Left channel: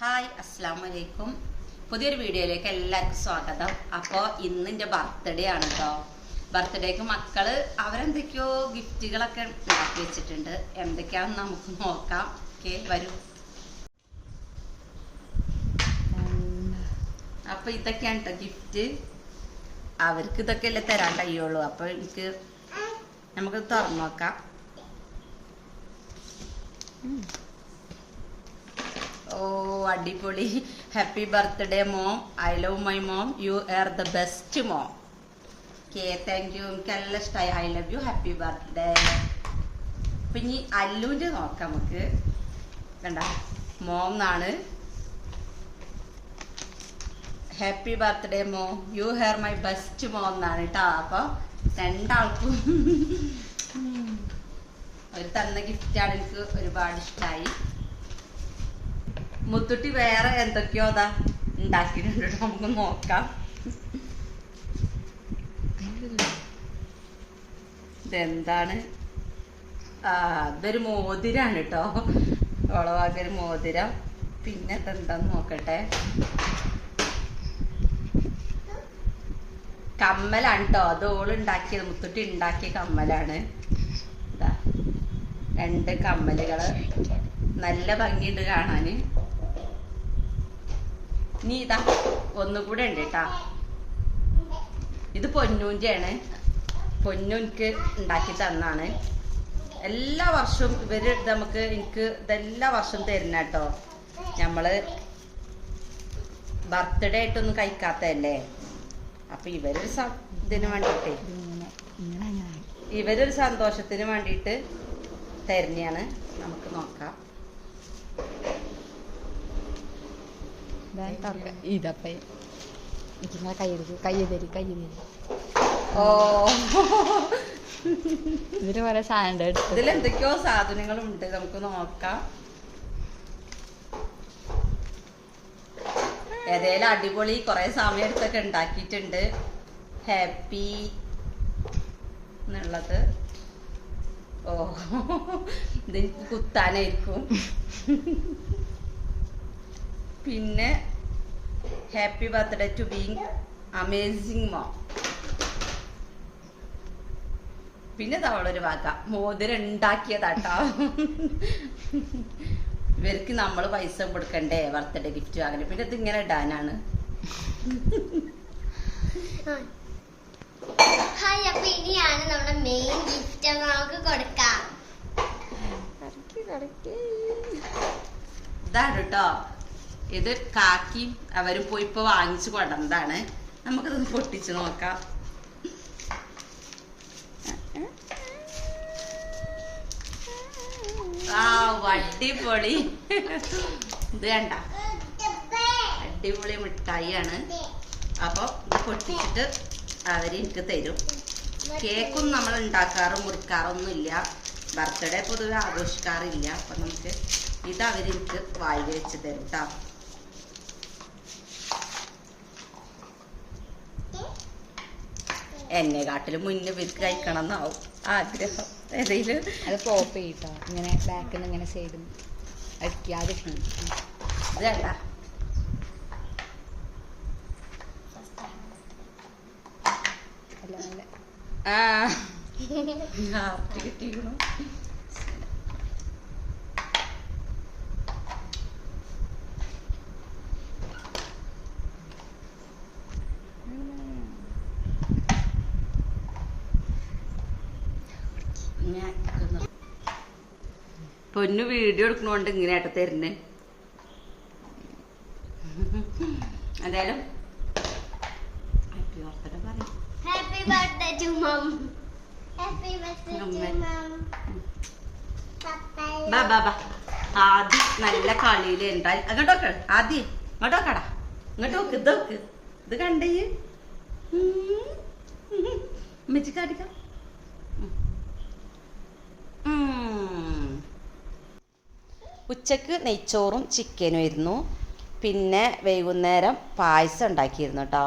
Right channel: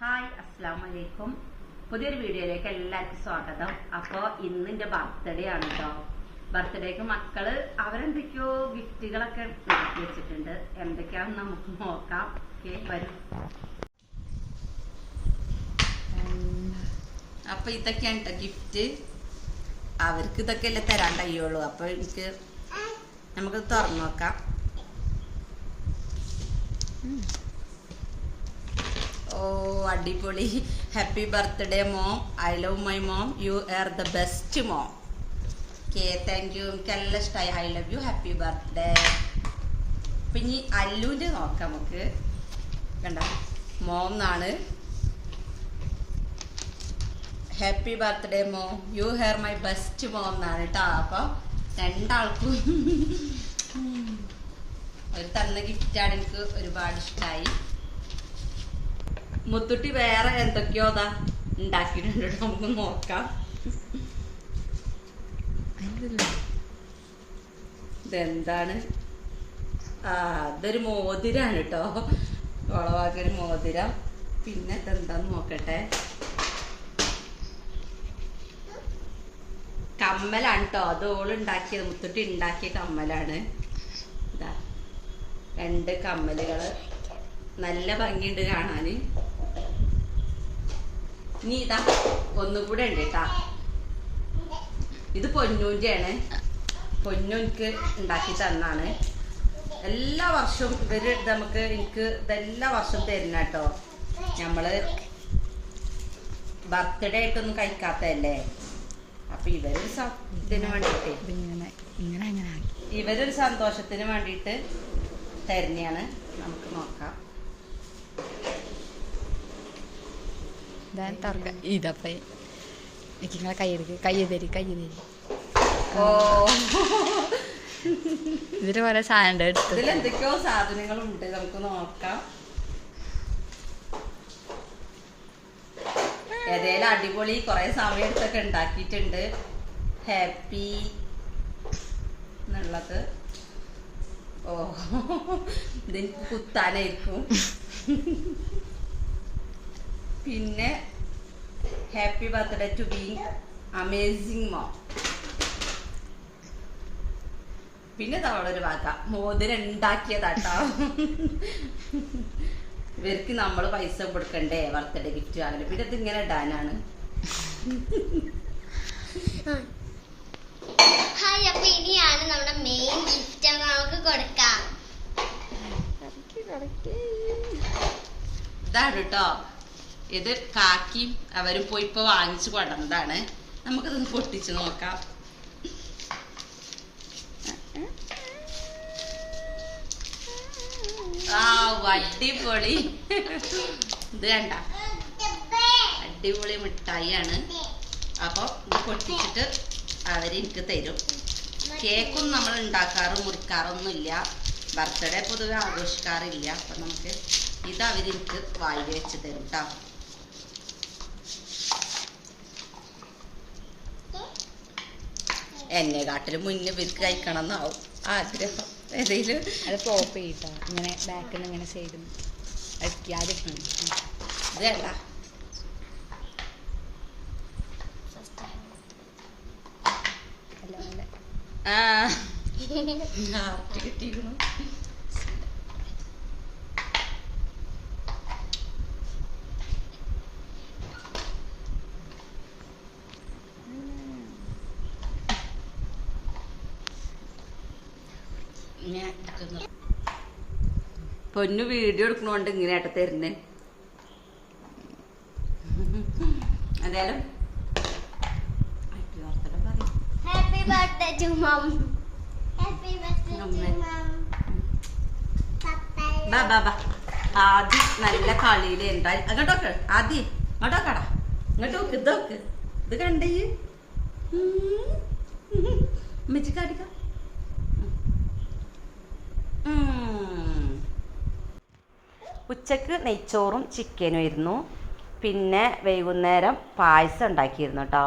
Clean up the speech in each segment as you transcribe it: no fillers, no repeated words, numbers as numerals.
Hi അസ്സലാമു അലൈക്കും. പുതിയൊരു വീഡിയോയിലേക്ക് എല്ലാവർക്കും സ്വാഗതം. അപ്പോൾ ഇന്ന് എൻ്റെ ബർത്ത്ഡേ ആണ് കേട്ടോ. ബർത്ത്ഡേക്ക് മക്കള് അവരെന്തൊക്കെയോ ഗിഫ്റ്റുകളൊക്കെ ഉണ്ടാക്കി വെച്ചിട്ടുണ്ട്. എന്തൊക്കെയാണെന്ന് നമുക്ക് നോക്കാം. ഓക്കെ, വരൂ. അപ്പോൾ ഇതൊക്കെയാണ് കേട്ടോ ഗിഫ്റ്റ്. അവർക്ക് ഇതൊക്കെ അല്ലേ തരാൻ കഴിയുള്ളൂ. അപ്പോൾ നമുക്ക് തുറന്നു നോക്കാം. ഓ, അടിപൊളി. Happy birthday mom. I love my mom. You are the best mom. Okay, thank you. എനിക്ക് നല്ല ഇഷ്ടമായി. I love you. Happy birthday. അപ്പം ഇനി അല്ലുവിൻ്റെ നോക്കാം നമുക്ക്. കണ്ട, മോം എന്നാണ്. Happy birthday mom. You are my best mom എന്നാണ് കേട്ടോ. അപ്പോൾ രണ്ടാൾക്കും ഒരു തന്ന ഗിഫ്റ്റാണ്. എനിക്ക് ഒരുപാട് ഇഷ്ടമായി. മുത്തുട്ടി വേറെ എന്തൊക്കെയോ അതാ ഉണ്ടാക്കിയിട്ടുണ്ട്. നമുക്ക് നോക്കാം. ഇതെന്താണ്? ഇതൊരു മോതിരാണ് കേട്ടോ. ഒളവാക്കൊരു മോതിരം. പിന്നെ ഇതെന്താന്ന് നോക്കട്ടെ. കമ്മലാണ് കേട്ടോ. അത് ഓളുണ്ടാക്കിയത്, മുത്തുട്ടി ഉണ്ടാക്കിയ കമ്മലാണ്. ഇതാ 2 കമ്മലുകള്. നല്ല ഭംഗിയുണ്ട് കാണാന്. നീ ഇതാ ഒന്നുകൂടെ ഉണ്ട് കേട്ടാ. ഇത് പൊന്നൂൻ്റെ ആണ്. പൊന്നൂൻക്ക് ഉണ്ടാക്കി തന്നാണ്. എല്ലാ വർഷവും ഇവര് എനിക്ക് ഇതെല്ലാ വർഷവും തരുന്ന കേട്ടോ. നമ്മള് ബർത്ത്ഡേ ആയിട്ടൊന്നും കഴിക്കാത്തല്ലേ. അപ്പൊ ഇവരൊരു ഇതിന് വേണ്ടിട്ട്, ഇവരൊരു സന്തോഷത്തിന് വേണ്ടിയിട്ട് തരുന്നതാണ്. നമുക്ക് നോക്കാം. ഇതപ്പേ നിങ്ങളെ കയ്യ് തരി. ഓ, ഇതിന് പോലെ സാധനം എടുത്ത് ഇതിലെന്തൊക്കെയോ സാധനങ്ങളുണ്ട്. നമുക്ക് നോക്കാം. ഏതേലും അടിപൊളി കുറെ സമയം എടുത്തൊക്കെ ഉണ്ടാക്കിയിട്ടുണ്ട്. ഹാപ്പി എന്നുള്ളത്. ഓ, ഇതെനിക്ക് കുത്താനായിരിക്കും. പിന്നെ happy birthday to being amazing mom. പിന്നെ തവളൊരു വാക്ക മോതിരം ഉണ്ടാക്കിയതാട്ടോ. ഇവർക്ക് നമ്മൾ പൈസ കൊടുക്കണ്ടേ ബർത്ത്ഡേ ഗിഫ്റ്റ് വാങ്ങല്. പിന്നെ ഇത് ഇങ്ങനെ ഇടാനാണ്. ഹായ്, അപ്പൊ ഇനിയാണ് നമ്മുടെ മെയിൻ ഗിഫ്റ്റ് നമുക്ക് കൊടുക്കാം. ഇതാണ് കേട്ടോ. ഇത് കാക്കിയും അവരും പോയി ഇപ്പൊ വാങ്ങിച്ചു കൊണ്ടുവന്നതാണ്. നമുക്കിതൊന്ന് പൊട്ടിച്ച് നോക്കാം. ആ, അടിപൊളി. ഇത് കണ്ട, അടിപൊളി മിഠായിയാണ്. അപ്പൊ ഇത് പൊട്ടിച്ചിട്ട് അവരെനിക്ക് തരും. കേക്കൊന്നും നമ്മൾ ഉണ്ടാക്കാറും മുറിക്കാറൊന്നും ഇല്ല. ബർത്ത്ഡേ പൊതുവെ ആഘോഷിക്കാറില്ല. അപ്പൊ നമുക്ക് ഇത് അവരെനിക്ക് വായിൽ വെച്ച് തരും കേട്ടോ. എന്നെ കാട്ടിലും മുന്നേ ഇവർക്ക് കഴിക്കണം എന്നാവും ആഗ്രഹം. ഏതെങ്കിലും അത് പോപ്പ് ചെയ്യട്ടോ. ഇങ്ങനെ ബാക്കിൽ നിന്ന് ഇങ്ങനെ സൈഡിൽ അടിക്കാതെ. ഇത് വേണ്ട. ഹാർട്ട് കിട്ടിയിരിക്കണു. പൊന്നു വീഡിയോ എടുക്കണോണ്ട് ഇങ്ങനെയായിട്ട് തരുന്നേ. എന്തായാലും ഹാപ്പി ബർത്ത്ഡേ പറയും. Happy birthday to mum. Happy birthday to mum. ബാ ബാ ബാ. ആദ്യം നല്ല കളിയിൽ ഉണ്ടായി. അങ്ങോട്ടോക്കെ ആദ്യം അങ്ങോട്ടോക്കടാ. ഇങ്ങോട്ട് നോക്ക്. ഇത് നോക്ക്. ഇത് കണ്ടേ മെച്ചി കാണിക്കാം. ഉച്ചക്ക് നെയ്ച്ചോറും ചിക്കനും ആയിരുന്നു. പിന്നെ വൈകുന്നേരം പായസം ഉണ്ടാക്കിയിരുന്നു കേട്ടോ.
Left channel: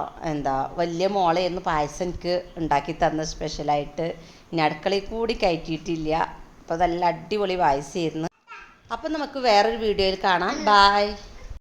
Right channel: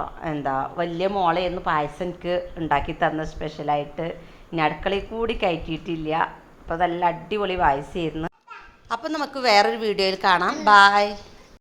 വലിയ മോളെയൊന്നും പായസം എനിക്ക് ഉണ്ടാക്കി തന്ന സ്പെഷ്യലായിട്ട്. ഇനി അടുക്കളയിൽ കൂടി കയറ്റിയിട്ടില്ല. അപ്പോൾ നല്ല അടിപൊളി പായസമായിരുന്നു. അപ്പം നമുക്ക് വേറൊരു വീഡിയോയിൽ കാണാം. ബായ്.